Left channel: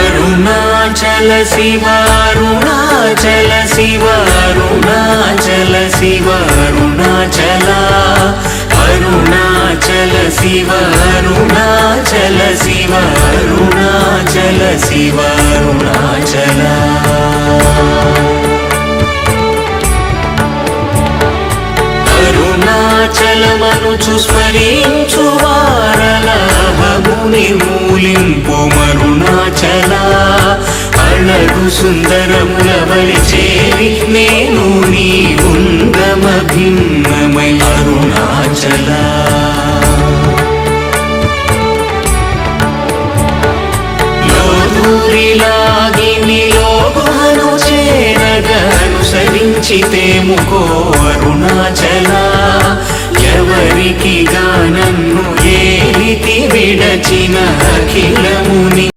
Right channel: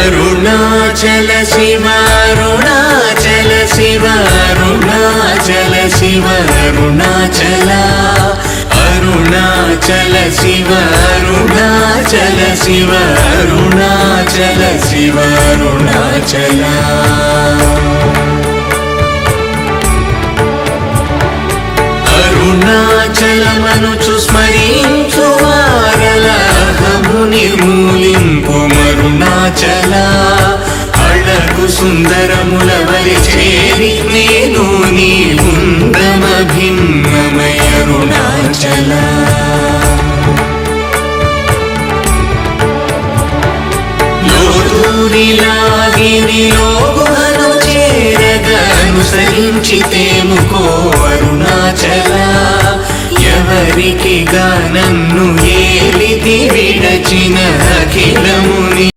అరుణాచల శివ అరుణాచల శివ అరుణాచల శివ అరుణాచల అరుణాచల శివ అరుణాచల శివ అరుణాచల శివ అరుణాచల అరుణాచలమనుచు స్మరించు వారలహము నిర్మూలింపు మరుణాచల అళగు సుందరముల వరి చేరి నేను నీ గుండ్రమ భిన్నమయ అరుణాచల లోదూరిలాగి నియోగుహను చేరగా అనుసరించితేము